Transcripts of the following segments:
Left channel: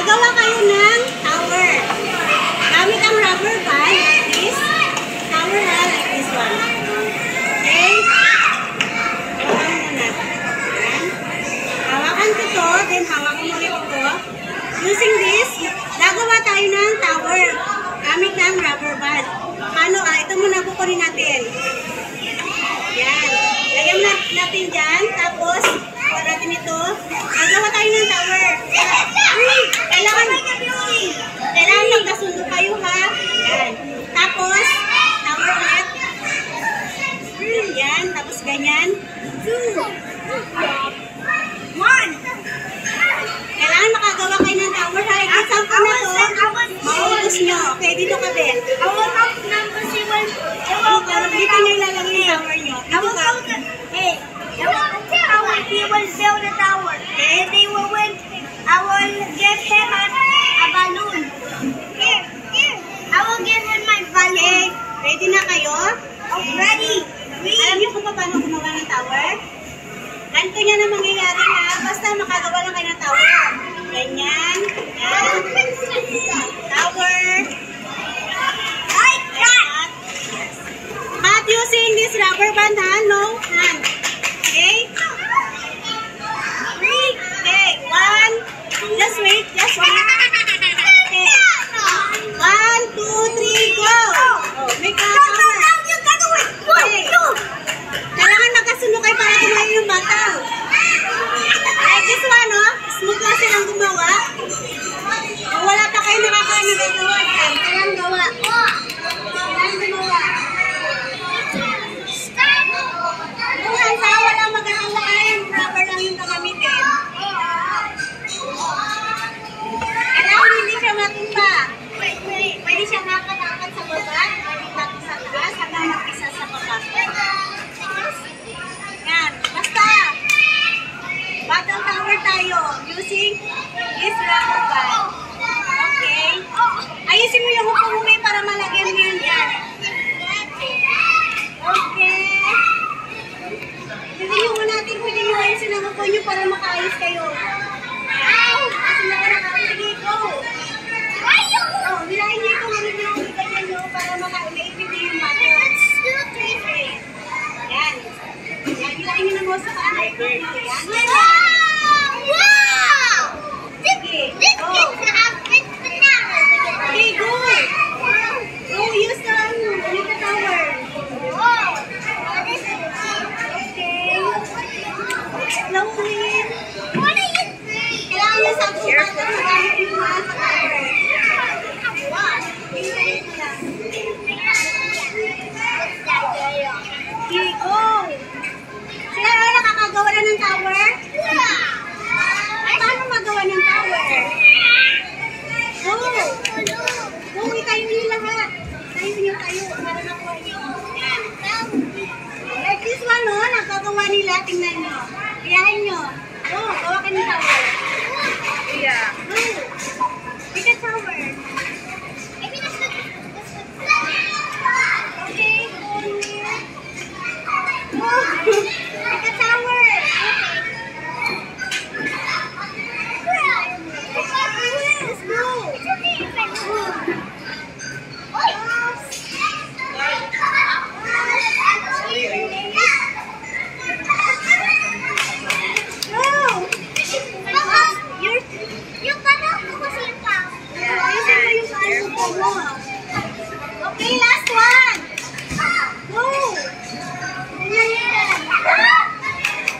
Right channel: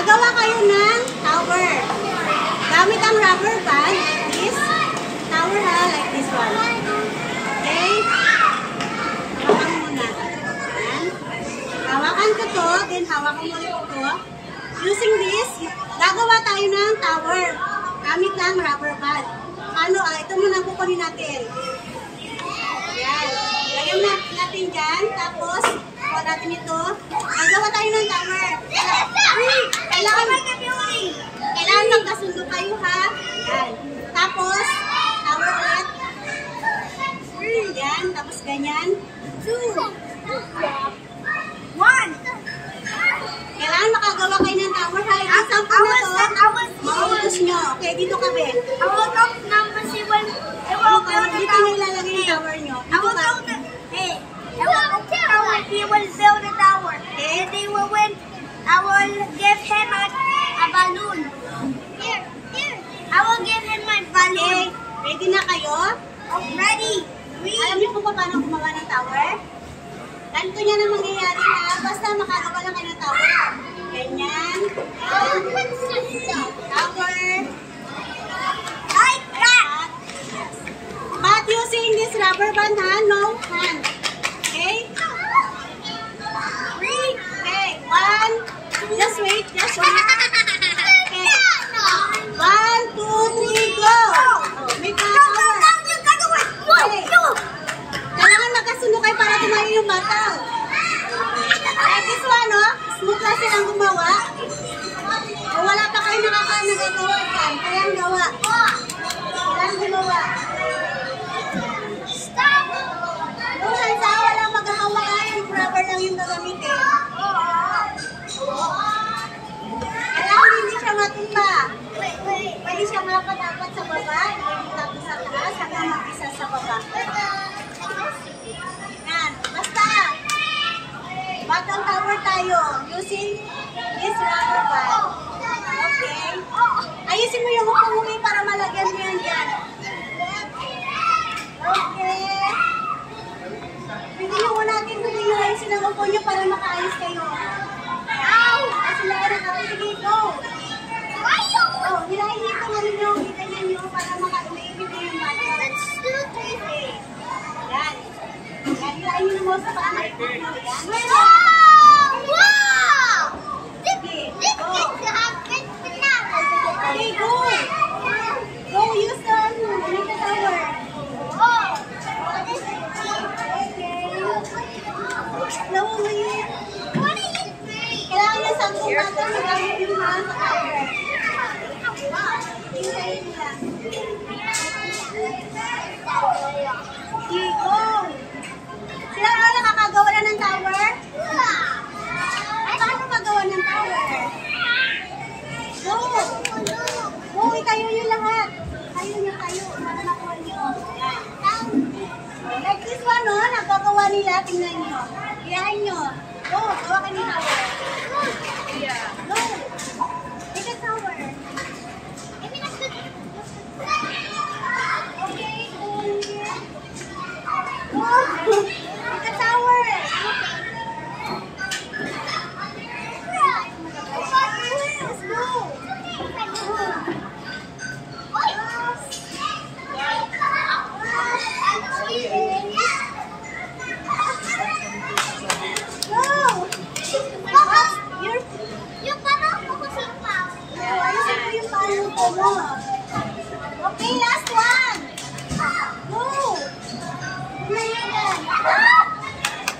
Gagawa kayo ng tower. Gamit ang rubber band, this tower ha, like this one. Okay? Hawakan mo muna. Ayan. Hawakan ko to, then hawakan mo ulit ito. Using this, gagawa tayo ng tower. Gamit ng rubber band. Ano, ito muna kukunin natin. Yan. Lagyan natin dyan. Tapos, kuha natin ito. Gagawa tayo ng tower. Kailangan magkasundo kayo ha. Yan. Tapos, tower ulit. Yan. Tapos ganyan. 2. 1. Kailangan makagawa kayo ng tower ha. Isang po na to. Maubos nyo. Okay, dito ka Ben. Dito na ilalagay yung tower nyo. He will build a tower. And they will win. I will give him a balloon. Here. I will give him my balloon. Okay. Ready na kayo? Oh, ready. Alam niyo kung paano gumawa ng tower? Ganito niya na mangyayari na basta makagawa lang kayo ng tower. Ganyan. Yan. Tower. Like that. But using this rubber band ha, no hand. Okay? 3. Okay. 1. Just wait. Okay. 1, 2, 3, go! Oh, make a tower. Okay. Kailangan nakasunod kayo para tumayo yung bata. Like this one, no? Smooth lang silang gumawa. O wala pa kayo nagagawa dyan. Kailangan gawa. Kailangan gumawa. Kung hansa, walang magkakawakan. Rubber lang yung gagamitin. Kailangan hindi siya matumba. Pwede siya nakatapat sa baba. Pwede tapos sa taas. Hanggang mag-isa sa baba. Yan. Basta. Battle tower tayo. Using this rubber band. Okay. Ayusin mo yung hukong para malagyan mo yan dyan. Okay. Hindi nyo natin pwede nyo ayusin ang hukong nyo para makaayos kayo. Kasi nakakawin. Sige, go. Oh, nilahin nyo kung ano nyo, ganyan nyo para makaibigay yung battle. Okay. Yan. Yan, nilahin nyo na mo sa paan. Yan. Wow! Sige, go. Okay, go. Go, use the tower. Okay. Slowly. Kailangan nyo sa kumata sa gamit yung mga sa tower. Hintayin mo lang. Okay, go. Sila mo nakakagawa na ng tower? Paano magawa ng tower? Go. Go, itayo nyo lahat. Tayo nyo. Para nakuha nyo. Yan. Like this one, no? Nagkagawa nila. Tingnan nyo. Biyahin nyo. Go, gawa ka ng tower. Yeah. Go. Make a tower. Okay, go here. Go. Make a tower. Let's go. Okay, last one. Go.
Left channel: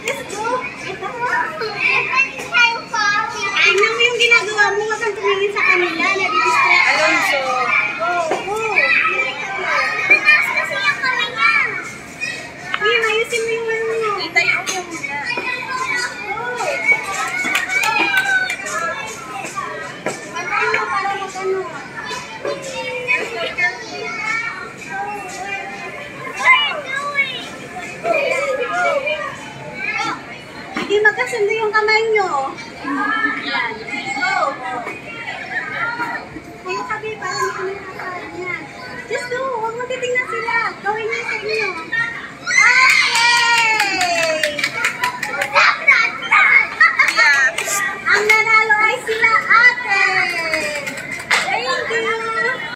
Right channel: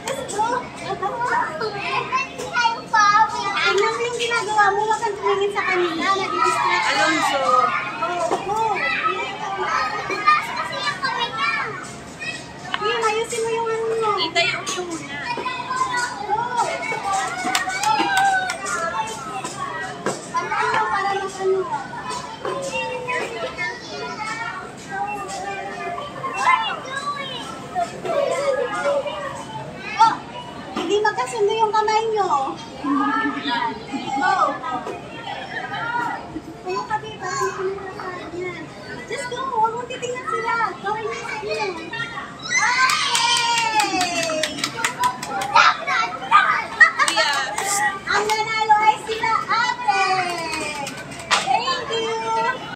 Let's go. Tingnan mo yung ginagawa mo. Huwag kang tumingin sa kanila. Nadi-distract. Alonso. Go. Game, ayusin mo yung ano mo. Itayo mo muna. Kantaan mo para mag-ano. Hindi magkasundo yung kamay nyo. Go. Kayo kabi, parang hindi ko nakakain yan. Just go, huwag mo titingnan sila. Gawin niyo sa inyo.